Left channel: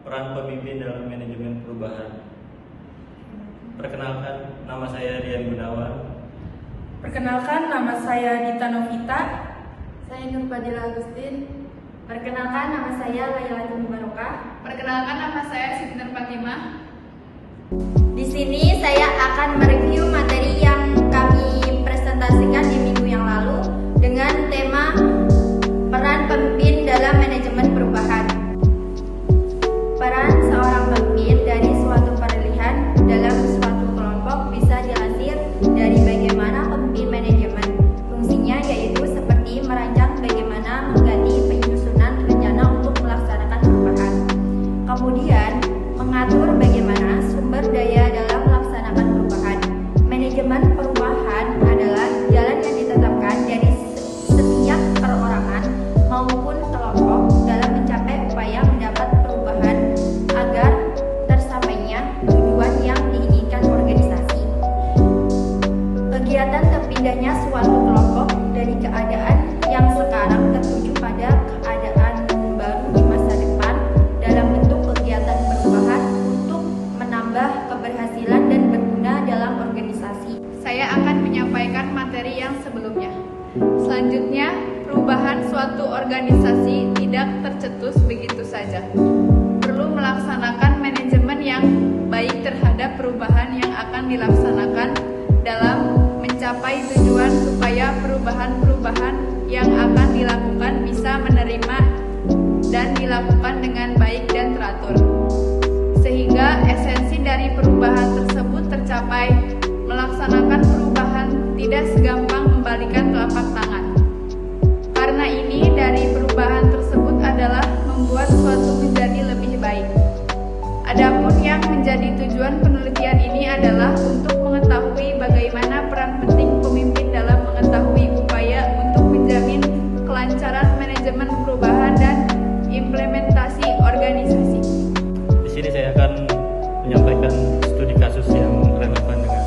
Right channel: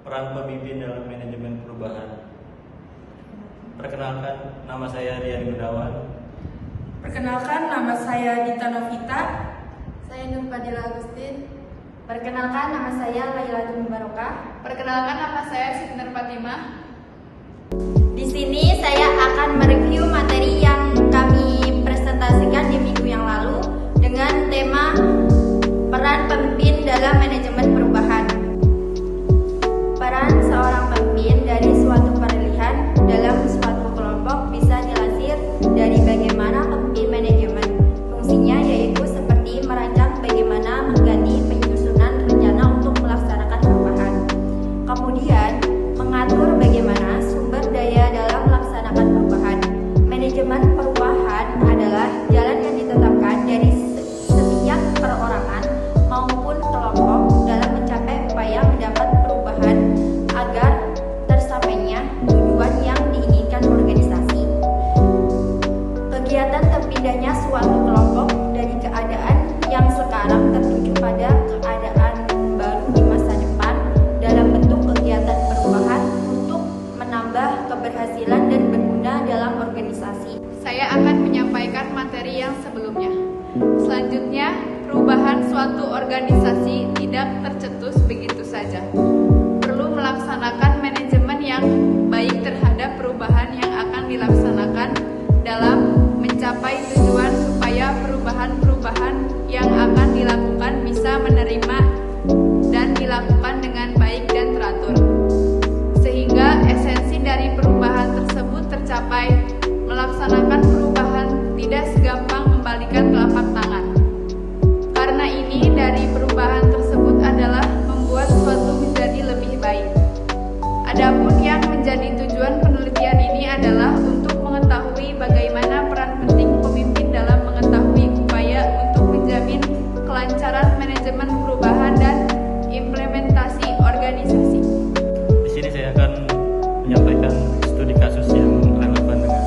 peran pemimpin dalam manajemen perubahan. Perkenalkan, nama saya Rian Gunawan. Perkenalkan, nama saya Dita Novita. Saya Nurfadila Agustin. Perkenalkan, nama saya Laila Barokah. Perkenalkan, nama saya Siti Nur Fatimah. Di sini saya akan mereview materi yang kami presentasikan di minggu yang lalu dengan tema peran pemimpin dalam manajemen perubahan. Peran seorang pemimpin dari suatu peralihan dalam suatu kelompok bisa dilansir dari bagaimana pemimpin manajemen. Fungsinya yaitu seperti merancang bagaimana mengganti penyusunan rencana untuk melaksanakan perubahan. Kemudian, mengatur bagaimana sumber daya dalam melaksanakan perubahan. Manajemen perubahan adalah jalan yang ditetapkan dari setiap perorangan maupun kelompok dalam mencapai upaya mendapat perubahan agar tersapainya tujuan yang diinginkan organisasi. Kegiatan terpindahnya suatu kelompok dari keadaan yang sekarang tertuju pada keadaan baru di masa depan dalam bentuk kegiatan perubahan untuk menambah keberhasilan dan berguna dalam organisasi. Saya akan menyampaikan materi yang sebelumnya. Selanjutnya, perubahan suatu organisasi tidak tercetus begitu saja. Perlu melaksanakan manajemen yang baik terhadap perubahan yang akan dilaksanakan dalam mencapai tujuan supaya perubahan-perubahan yang akan dilakukan bisa menerima dan dilakukan dengan baik dan teratur. Sehingga esensi dari perubahan tersebut tercapai. Melaksanakan perubahan tidak segampang membalikan telapak tangan. Karena ini dari perubahan tersebut adalah membuat suatu menjadi lebih baik. Adapun yang menjadi tujuan penelitian ini adalah untuk mengetahui bagaimana peran penting pemimpin dalam mengetahui upaya untuk menjamin kelancaran manajemen perubahan dan implementasi organisasi. Di sini saya akan menyampaikan studi kasus yang relevan dengan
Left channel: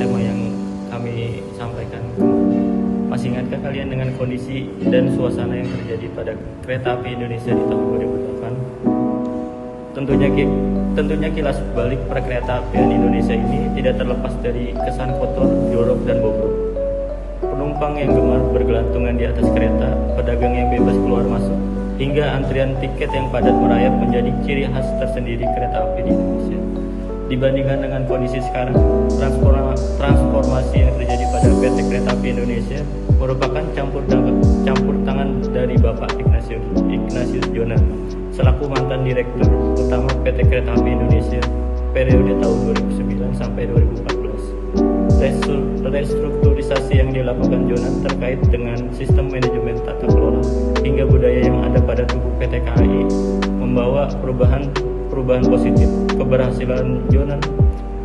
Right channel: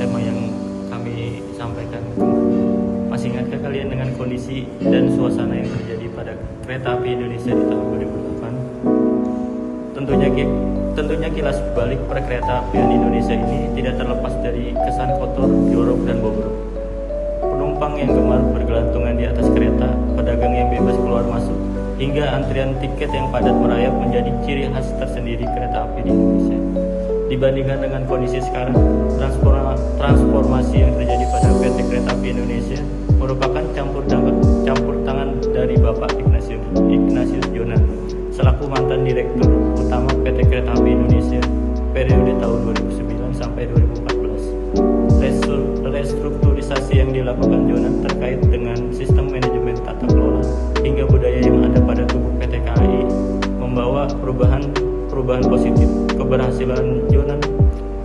tema yang kami sampaikan kemarin. Masih ingatkah kalian dengan kondisi dan suasana yang terjadi pada kereta api Indonesia di tahun 2008? Tentunya kilas balik perkereta apian Indonesia ini tidak terlepas dari kesan kotor, jorok, dan bobrok. Penumpang yang gemar bergelantungan di atas kereta, pedagang yang bebas keluar masuk, hingga antrian tiket yang padat merayap menjadi ciri khas tersendiri kereta api di Indonesia. Dibandingkan dengan kondisi sekarang, transformasi yang terjadi pada PT Kereta Api Indonesia merupakan campur tangan dari Bapak Ignatius Jonan selaku mantan Direktur Utama PT Kereta Api Indonesia periode tahun 2009 sampai 2014. Restrukturisasi yang dilakukan Jonan terkait dengan sistem manajemen tata kelola hingga budaya yang ada pada tubuh PT KAI membawa perubahan positif. Keberhasilan Jonan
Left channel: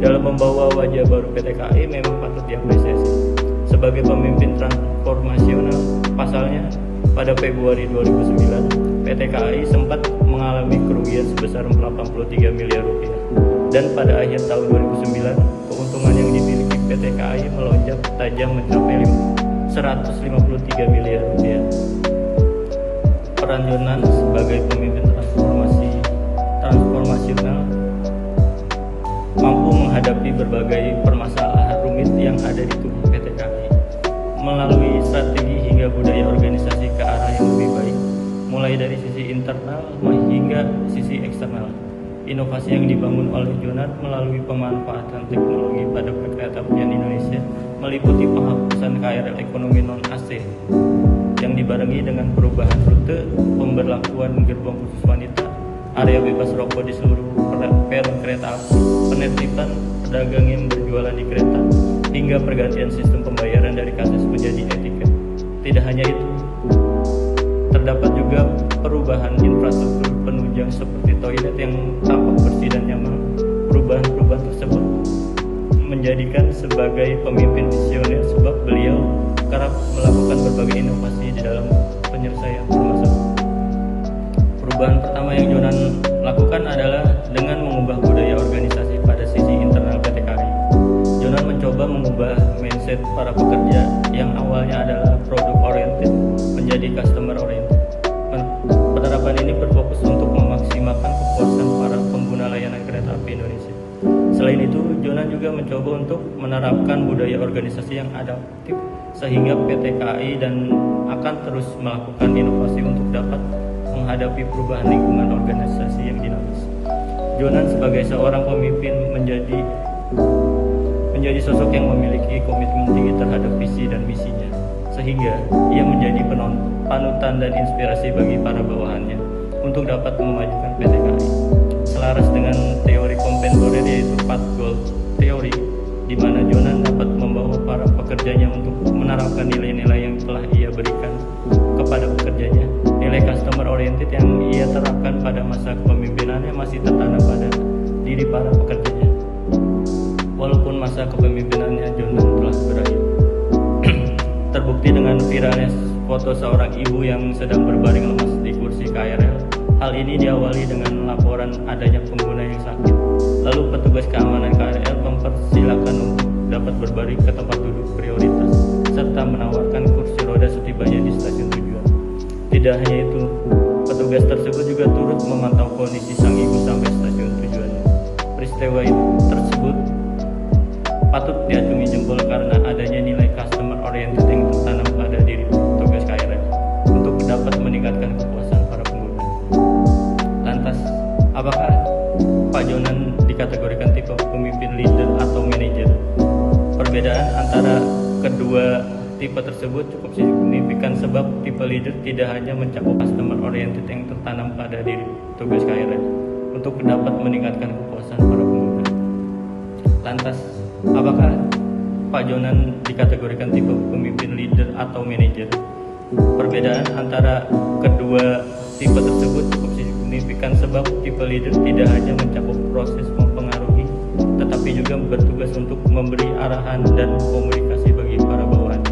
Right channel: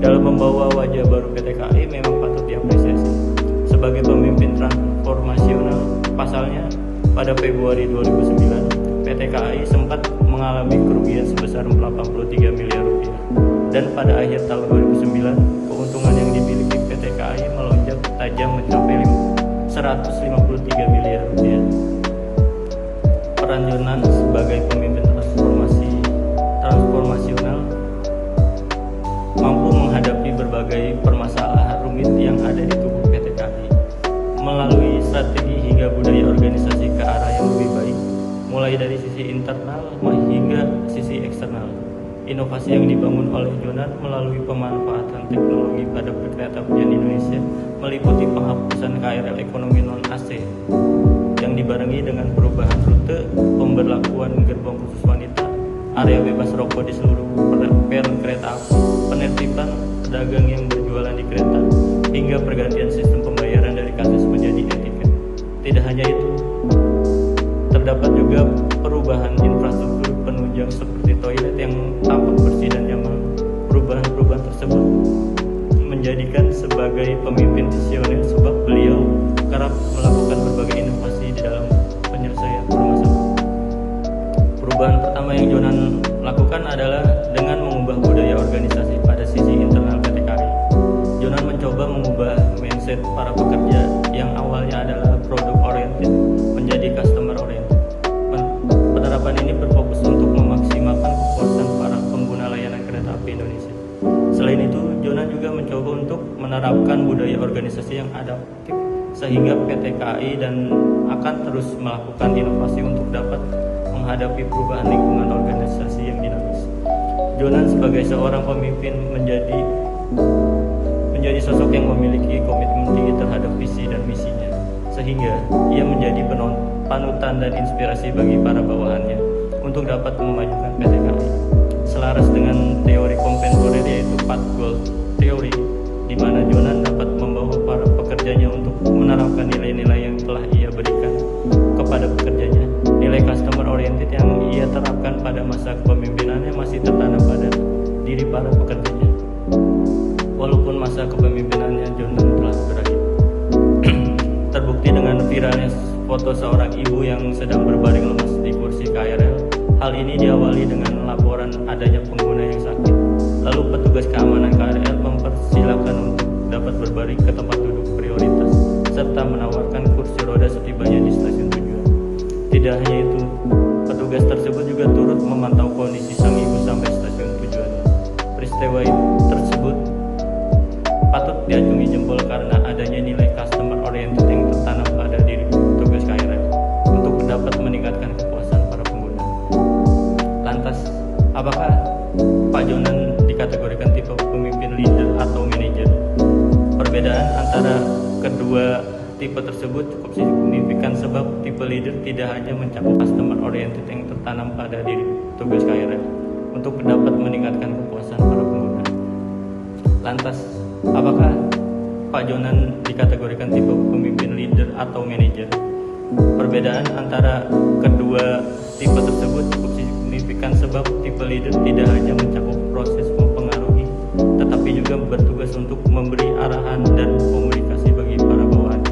dalam membawa wajah baru PT KAI memang patut diapresiasi. Sebagai pemimpin transformasional, pasalnya pada Februari 2009, PT KAI sempat mengalami kerugian sebesar 83 miliar rupiah. Dan pada akhir tahun 2009, keuntungan yang dimiliki PT KAI melonjak tajam mencapai 153 miliar rupiah. Peran Jonan sebagai pemimpin transformasional mampu menghadapi berbagai permasalahan rumit yang ada di tubuh PT KAI melalui strategi hingga budaya organisasi ke arah yang lebih baik, mulai dari sisi internal hingga sisi eksternal. Inovasi yang dibangun oleh Jonan melalui pemanfaatan teknologi pada perkereta apian Indonesia meliputi penghapusan KRL ekonomi non-AC yang dibarengi dengan perubahan rute, pemberlakuan gerbong khusus wanita, area bebas rokok di seluruh peron kereta api, penertiban pedagang yang berjualan di kereta, hingga pergantian sistem pembayaran dari kasis menjadi etiket. Tidak hanya itu, terdapat juga perubahan infrastruktur penunjang seperti toilet yang tampak bersih dan nyaman. Perubahan tersebut menjadikan sebagai pemimpin visioner sebab beliau kerap melakukan berbagai inovasi di dalam penyelesaian permasalahan. Perubahan pertama yang Jonan lakukan adalah dengan mengubah budaya organisasi pada sisi internal PT KAI. Jonan mencoba mengubah mindset para pekerja yang awalnya adalah product oriented menjadi customer oriented. Penerapan ini berfokus untuk memaksimalkan kepuasan para pengguna layanan kereta api Indonesia. Selain itu, Jonan juga mencoba untuk menerapkan budaya organisasi yang adaptif sehingga PT KAI dan akan terus melakukan inovasi untuk dapat menghadapi perubahan lingkungan organisasi yang dinamis. Jonan sebagai seorang pemimpin menjadi sosok yang memiliki komitmen tinggi terhadap visi dan misinya, sehingga ia menjadi panutan dan inspirasi bagi para bawahannya untuk dapat memajukan PT KAI. Selaras dengan teori kontemporer yaitu Path Goal Theory, di mana Jonan dapat membawa para pekerjanya untuk menerapkan nilai-nilai yang telah ia berikan kepada pekerjanya. Nilai customer oriented yang ia terapkan pada masa kepemimpinannya masih tertanam pada diri para pekerjanya. Walaupun masa kepemimpinannya Jonan telah berakhir. Terbukti dengan viralnya foto seorang ibu yang sedang berbaring lemas di kursi KRL. Hal ini diawali dengan laporan adanya pengguna yang sakit. Lalu petugas keamanan KRL mempersilahkan untuk dapat berbaring ke tempat duduk prioritas serta menawarkan kursi roda setibanya di stasiun tujuan. Tidak hanya itu, petugas tersebut juga turut memantau kondisi sang ibu sampai stasiun tujuannya. Peristiwa tersebut patut diacungi jempol karena adanya nilai customer oriented yang tertanam pada diri petugas KRL untuk dapat meningkatkan kepuasan para pengguna. Lantas, apakah Pak Jonan dikategorikan tipe pemimpin leader atau manajer? Perbedaan antara kedua tipe tersebut cukup signifikan sebab tipe leader tidak hanya mencakup customer oriented yang tertanam pada diri petugas KRL untuk dapat meningkatkan kepuasan para pengguna. Lantas, apakah Pak Jonan dikategorikan tipe pemimpin leader atau manajer? Perbedaan antara kedua tipe tersebut cukup signifikan sebab tipe leader tidak hanya mencakup proses mempengaruhi, tetapi juga bertugas untuk memberi arahan dan komunikasi bagi para bawahan.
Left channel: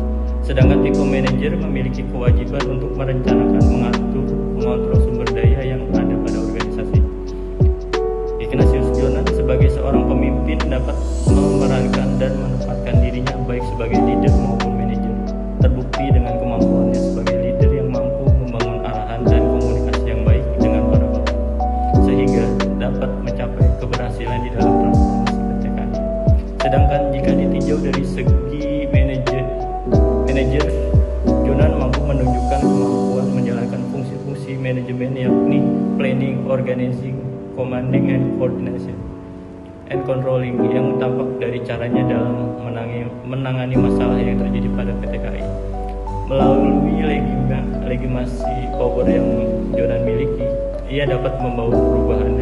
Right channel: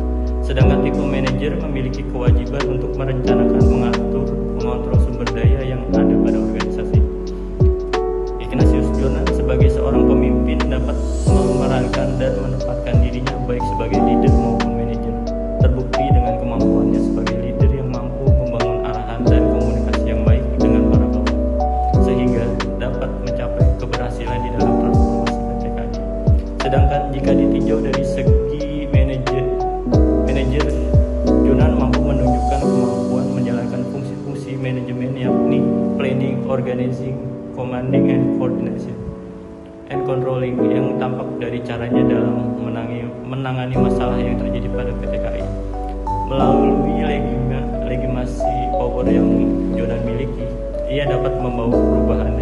Sedangkan tipe manajer memiliki kewajiban untuk merencanakan, mengatur, mengontrol sumber daya yang ada pada organisasi. Ignatius Jonan sebagai seorang pemimpin dapat memerankan dan menempatkan dirinya baik sebagai leader maupun manajer. Terbukti dengan kemampuannya sebagai leader yang mampu membangun arahan dan komunikasi yang baik dengan para bawahan, sehingga dapat mencapai keberhasilan di dalam transformasi PT KAI. Sedangkan jika ditinjau dari segi manajer, Jonan mampu menunjukkan kemampuan menjalankan fungsi-fungsi manajemen yakni planning, organizing, commanding, and coordination, and controlling yang tampak dari caranya dalam menangani masalah yang terjadi pada PT KAI. Melalui legitimasi power yang Jonan miliki, ia dapat membawa perubahan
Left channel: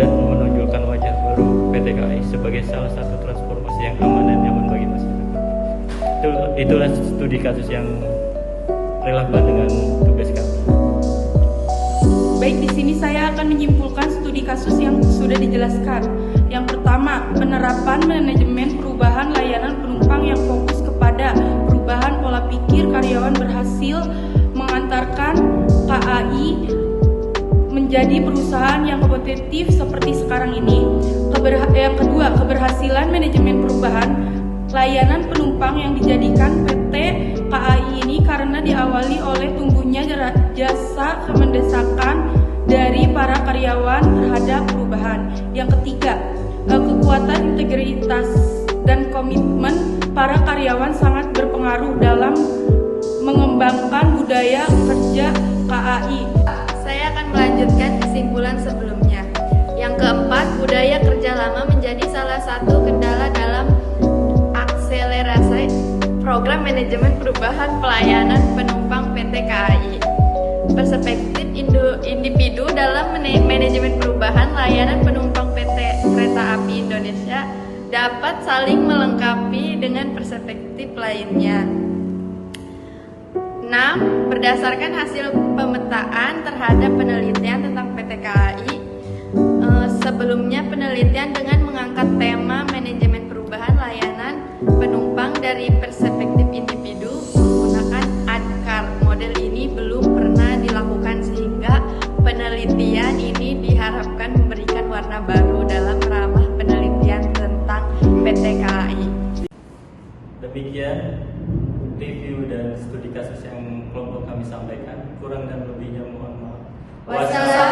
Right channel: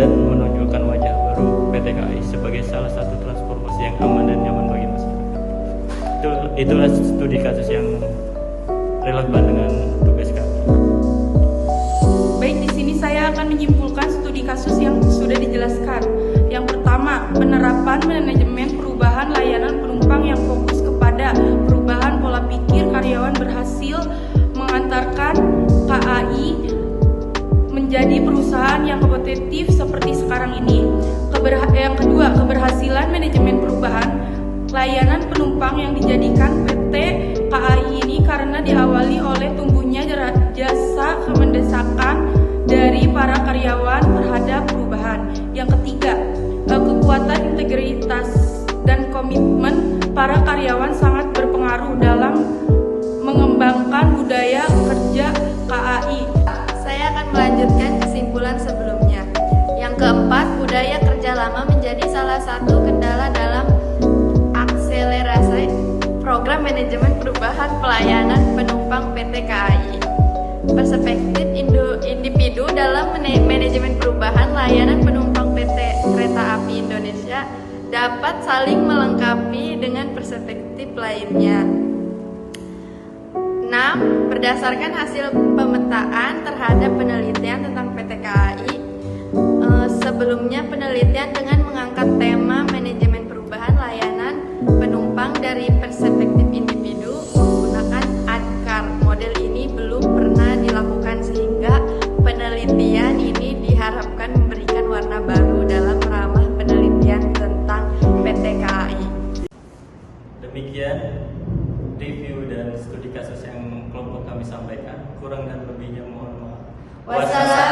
dan menonjolkan wajah baru PT KAI sebagai salah satu transformasi yang aman dan nyaman bagi masyarakat. Itulah studi kasus yang relevan dengan tugas kami. Baik, di sini saya akan menyimpulkan studi kasus yang sudah dijelaskan. Yang pertama, penerapan manajemen perubahan layanan penumpang yang fokus kepada perubahan pola pikir karyawan berhasil mengantarkan KAI menjadi perusahaan yang kompetitif seperti sekarang ini. Yang kedua, keberhasilan manajemen perubahan layanan penumpang yang dijadikan PT KAI ini karena diawali oleh tumbuhnya jasa kemendesakan dari para karyawan terhadap perubahan. Yang ketiga, kekuatan integritas dan komitmen para karyawan sangat berpengaruh dalam mengembangkan budaya kerja KAI. Saya akan melanjutkan kesimpulan sebelumnya. Yang keempat, budaya kerja lama menjadi salah satu kendala dalam akselerasi program manajemen perubahan pelayanan penumpang PT KAI. Perspektif individu dalam manajemen perubahan layanan penumpang PT Kereta Api Indonesia dapat saling melengkapi dengan perspektif lainnya. 6. Berdasarkan hasil pemetaan terhadap penelitian tentang PT KAI, sebelumnya penelitian dengan mengangkat tema manajemen perubahan layanan penumpang dari perspektif individu menggunakan ADKAR. Model ini belum pernah dilakukan sehingga penelitian ini diharapkan memberikan warna baru dalam ramah penelitian tentang PT KAI. Demikian review dan studi kasus yang kelompok kami sampaikan. Kurang dan lebihnya mohon maaf. Wassalamualaikum